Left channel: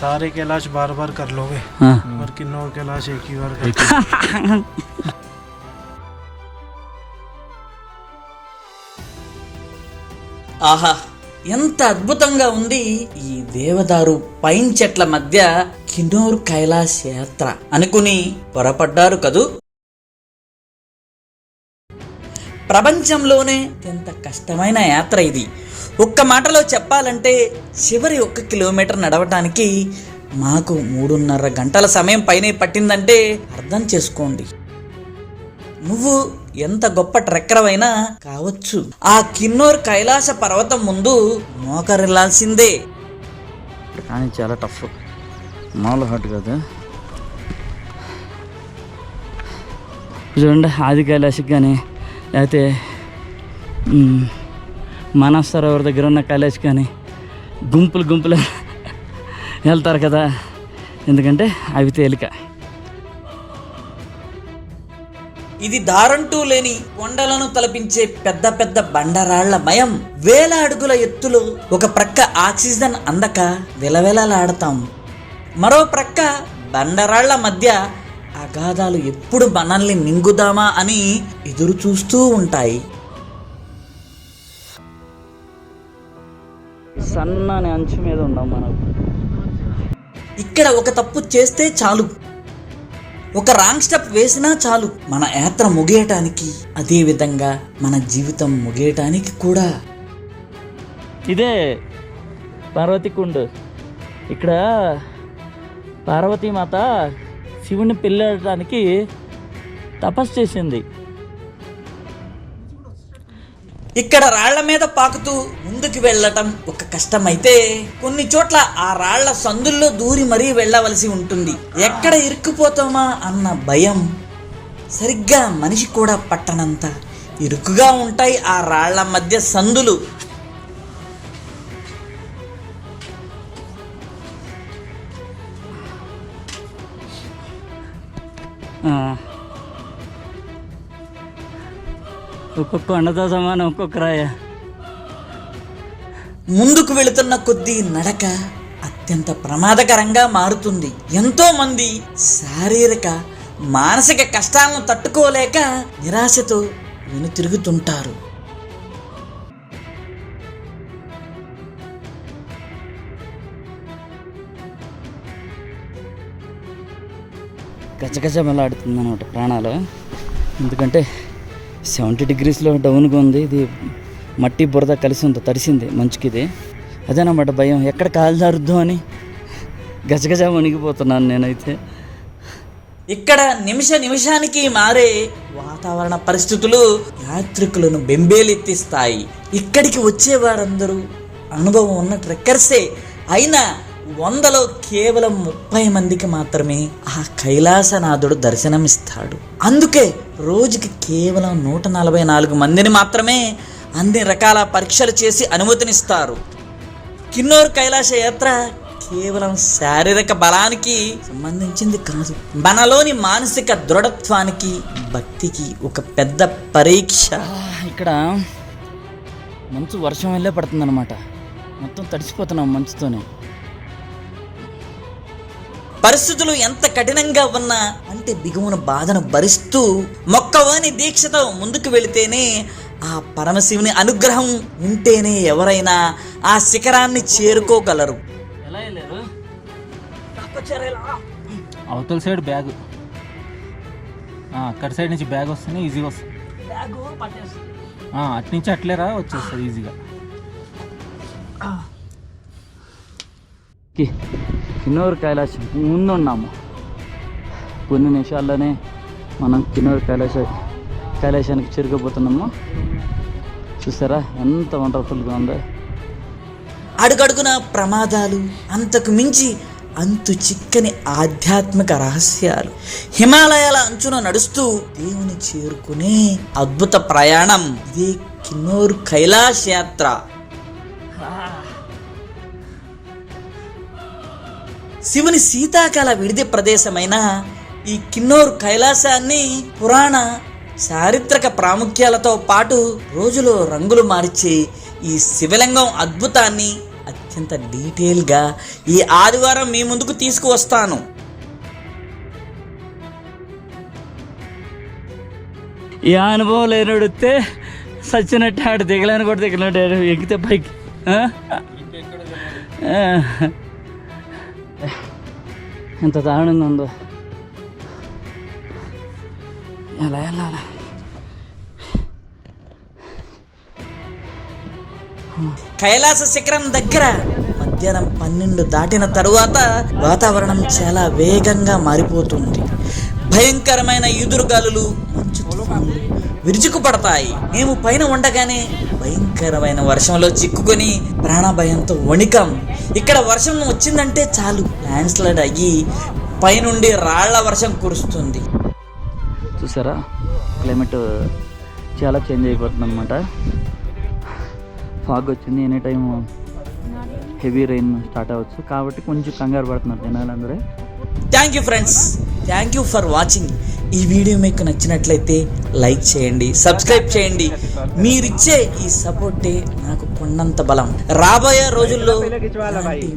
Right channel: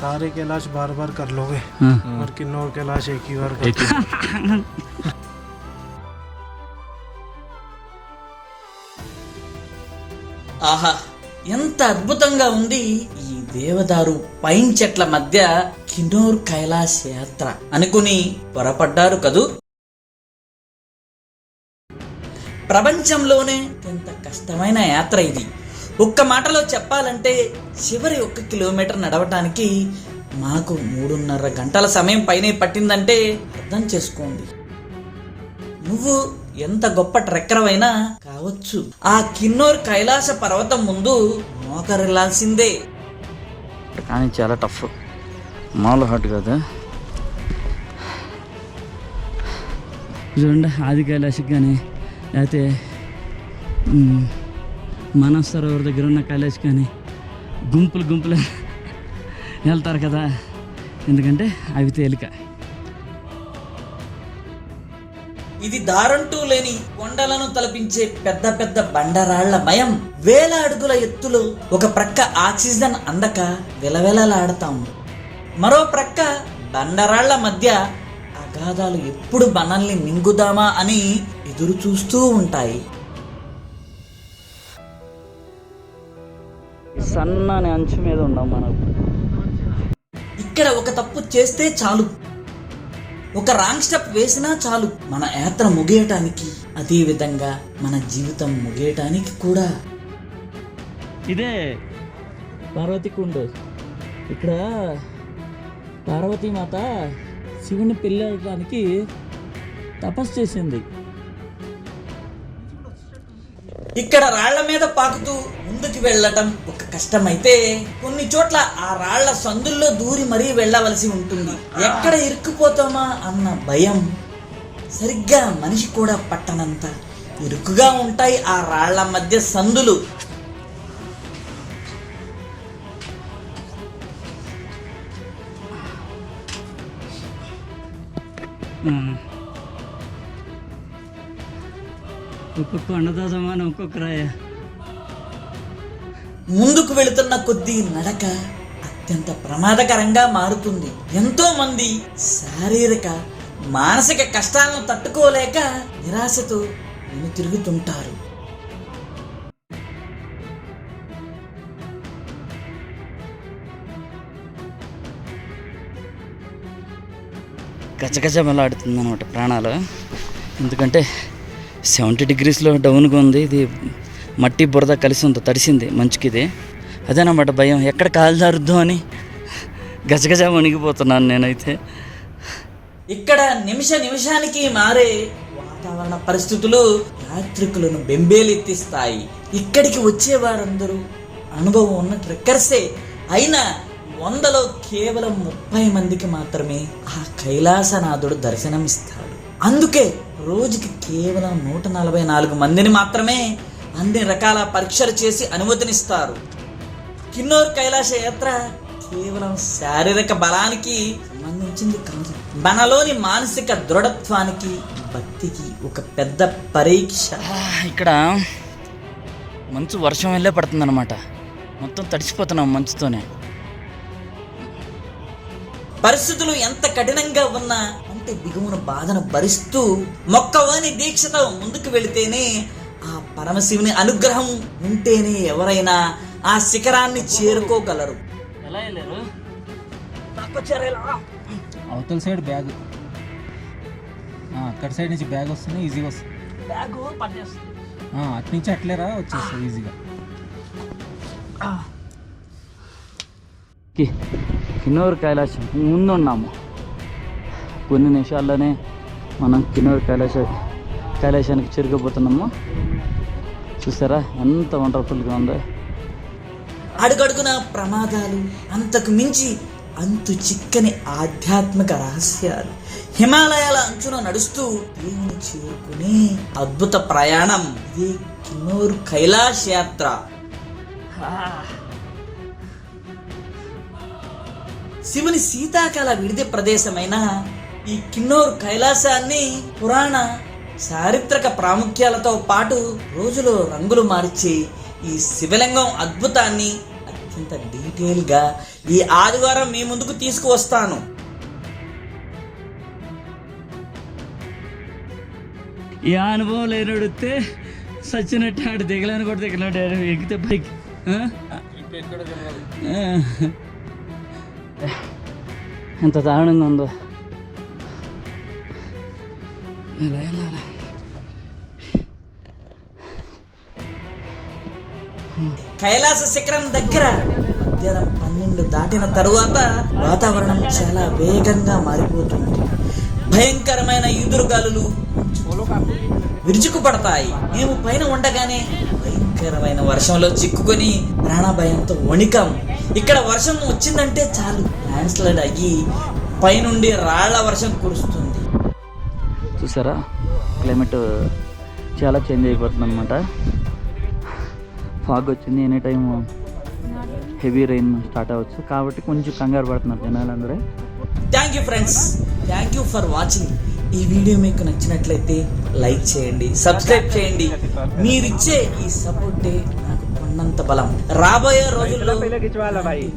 सारे कैलाश बार बार कर लोगे और किन्नौर कैलाश एक ही बार कर ఆహా, ఎంత అద్భుతంగా ఉంది ఈ దేవదారు పైన్ చెట్ల మధ్య కిన్నౌర్ కైలాస్ యాత్ర అనుకుని పొరపడ్డారు కదూ. ప్రపంచంలోనే ఎంత కష్టమైన యాత్ర ఇది. ఒక్క మాటలో చెప్పాలంటే చివరి 1 కిలోమీటర్ నడవటానికి మాకు 3.5 గంటల సమయం పైనే పట్టిందంటే అర్థం చేసుకోండి. నువ్వు ఎంత గొప్ప ట్రెక్కరవైనా కావచ్చు, ఆ కిన్నౌర్ కైలాస పర్వతం ముందు మోకరిల్లాల్సిందే. కానీ చాలా టఫ్, మామూలు హార్ట్ కాదు. చూడండి, ఆది కైలాసకి కానీ లేకపోతే మానవ్ సరోవర్ దగ్గర ఉన్న కైలాస్ కానీ గుంపులు వెళ్తారు కదా, ఎందుకంటే అవి తేలిక. ఇది దారంటూ లేని కొండలను తలపించే పెద్ద పెద్ద బండరాళ్ల మయం. వేల అడుగుల ఎత్తులో ఒక ప్రక్క ఆక్సిజన్ అందక విలవిలలాడతాం, మరో ప్రక్క బండరాళ్ల మధ్య అగాధాలు ఎప్పుడు మనల్ని మింగుదామా అని ఎదురు చూస్తూ ఉంటాయి. సన్నని అంచు మీద ఉన్నాం మనం. ఇక్కడ ఒక తప్పు చేస్తే చాలు, ఒక రాంగ్ స్టెప్ వేసినా చాలు మన యాత్ర ముగియటానికి, అదే విధంగా మన జీవితం ముగియటానికి కూడా. ఇదే పార్వతీకుండ్. ఇక్కడ పార్వతీమాత శివుని పెళ్ళడానికి తపస్సు చేసింది. ఇక్కడ రాళ్ల మీద పాకుతూ ముందుకు వెళ్ళటం ఒక కష్టమైతే, కొన్ని చోట్ల ఆ రాళ్ల సందుల్లో దూరి మరీ వెళ్ళవలసి ఉంటుంది. ఎక్కడ ఇరుక్కుపోతామా అన్న భయం. సరిగ్గా మనిషి కూడా పట్టనంత ఇరుకుగా ఉంటాయి ఆ రాళ్ల మధ్య సందులు. ఒక్కొక్క కొండతో సమానం ఒక్కొక్క రాయ. ముందుకు వెళుతున్న కొద్దీ నడక అత్యంత ప్రమాదకరంగా మారుతుంది. ఎంతో మంది శారీరక మానసిక కష్టాలను తట్టుకోలేక నిరాశతో వెనుతిరుగుతుంటారు. గజగజమలాడుతుంది అనమాట ప్రాణాలు. ఎందుకంటే 70 degreesలో డౌన్గా ఉంది. ఇది మట్టి బురద కలిసి ఉంది, తడిసింది మంచుకి. ఇది అదేనమాట భయం, ఎక్కడ కాలు జారుద్దాం అని గజగజ వణిగిపోతున్నాను నేనైతే. ఇక్కడ నిమిషానికి మారే వాతావరణ పరిస్థితులు యాత్రికులను బెంబేలెత్తిస్తాయి. ఇక్కడికి వచ్చేవారందరూ అనుభవం ఉన్న ట్రెక్కర్సే అయినా 100లో కేవలం 30 మందికి మాత్రమే ఆ కైలాసనాథుడు దర్శనమిస్తాడు. అందుకే రోజుకి కేవలం 144 మందిని మాత్రమే అన్ని రకాల పరీక్షలు చేసి అనుమతినిస్తారు. కిన్నౌర్ కైలాస యాత్ర కేవలం శారీరక బలానికి సంబంధించింది కాదు, మనలోని మానసిక దృఢత్వానికి, భక్తికి ఒక పెద్ద పరీక్ష. ఇక్కడ మంచు వర్షం వెళ్ళే పడుతుంది అనమాట. మొత్తం తడిసిపోతున్నాం మంచుతోనే. పరిస్థితులు ఎంత కఠినంగా ఉన్నా అంటే బిగువున బాధను భరిస్తూ మొక్కవాని దీక్షతో ముందుకు వెళితేనే, ఆ పరమశివుని అనుగ్రహం ఉంటేనే ఎవరైనా ఆ శిఖరాన్ని చేరుకోగలరు. ఎలా వెళ్ళారు? అవతల సైడ్ బ్యాగ్, అక్కడ సైడ్ నుంచి బ్యాగ్ వస్తేనే ఈజీగా వస్తుంది. అటు నుంచి అట్లేరా వచ్చేస్తుంది ఈజీగా. కిన్నౌర్ కైలాసం ముందున్నాము. కొన్ని నిమిషాల్లోనే మనం కిన్నౌర్ కైలాసానికి చేరుకోబోతున్నాము. చూసారా ఎంత వండర్ఫుల్గా ఉందో. అడుగడుగున ప్రమాదాలు, అంతకు మించి అంతు చిక్కని ఆధ్యాత్మిక రహస్యాలు. హిమాలయాల అంచున నడుస్తూ దేవుని చేరుకునే అద్భుత ప్రయాణం ఇదే కిన్నౌర్ కైలాస్ యాత్ర. శివుని శీతాకాల విడిది ప్రదేశమైన ఈ కిన్నౌర్ కైలాసాన్ని పురాణ చారిత్రక ప్రాముఖ్యాలతో పాటు రోజులో రంగులు మార్చే ఈ శివలింగం అద్భుతాన్ని అత్యంత డీటెయిల్గా ఈ ఆదివారం మీ ముందుకు తీసుకువస్తాను. ఈ అనుభవం లేనడితే సచ్చినట్టు ఆడు దిగలేని కూడా దిగలేడు ఎక్కితే పైకి. ఎంత దారుణంగా ఉందో. ఎలా వెళ్ళాలి? కైలాస శిఖరం దగ్గర మధ్యాహ్నం 12 దాటిన తరువాత వాతావరణం చాలా వేగంగా మారిపోతుంది. భయంకరమైన ఈదురుగాలులు విరుచుకుపడతాయి. మేము పైన ఉండగానే భయంకరమైన వర్షంలో చిక్కుకొని ప్రాణభయంతో వణికాం. ఇక్కడ వర్షం వచ్చిందంటే చాలు, ల్యాండ్ స్లైడ్ అయ్యి పైనుండి రాళ్ల వర్షం కురుస్తుంది. చూసారా, క్లైమేట్ చాలా చేంజ్ అయిపోతుంది అనమాట. ఫాగ్ వచ్చింది, any time heavy rain start అవ్వచ్చు, కాబట్టి కొంచెం కంగారు పడుతున్నారు జనాలందరూ. Thank you friends, thank you for watching. ఈ వీడియో మీకు నచ్చినట్లయితే లైక్ చేయండి, సబ్స్క్రైబ్ చేయండి. మీరిచ్చే ఈ సపోర్టే నాకు కొండంత బలం. రాబోయే రోజుల్లో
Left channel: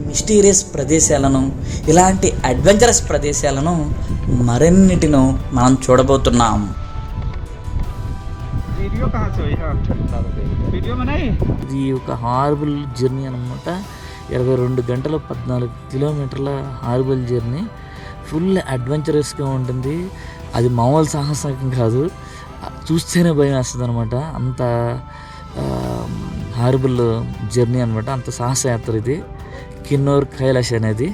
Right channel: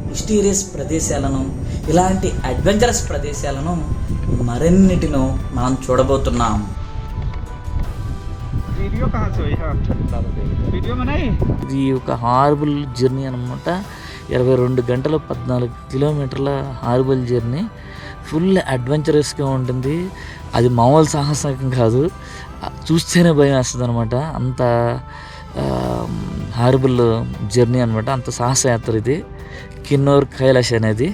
మిస్టీరియస్ ప్రదేశాలను, ఇలాంటి అడ్వెంచరస్ ప్రదేశాలను మరెన్నిటినో మనం చూడబోతున్నాం. ఇది ఒక హారబుల్ జర్నీ అనమాట. 22 గంటల 14 కిలోమీటర్ల హారబుల్ జర్నీ. ఫుల్ అడ్వెంచరస్గా ఉంటుంది. అది మామూలు సాహసం కాదు, చూస్తేనే భయం వేస్తుంది అనమాట. అంత హారబుల్ జర్నీ అనమాట, అంత సాహసయాత్ర ఇది కిన్నౌర్ కైలాష్ అనేది.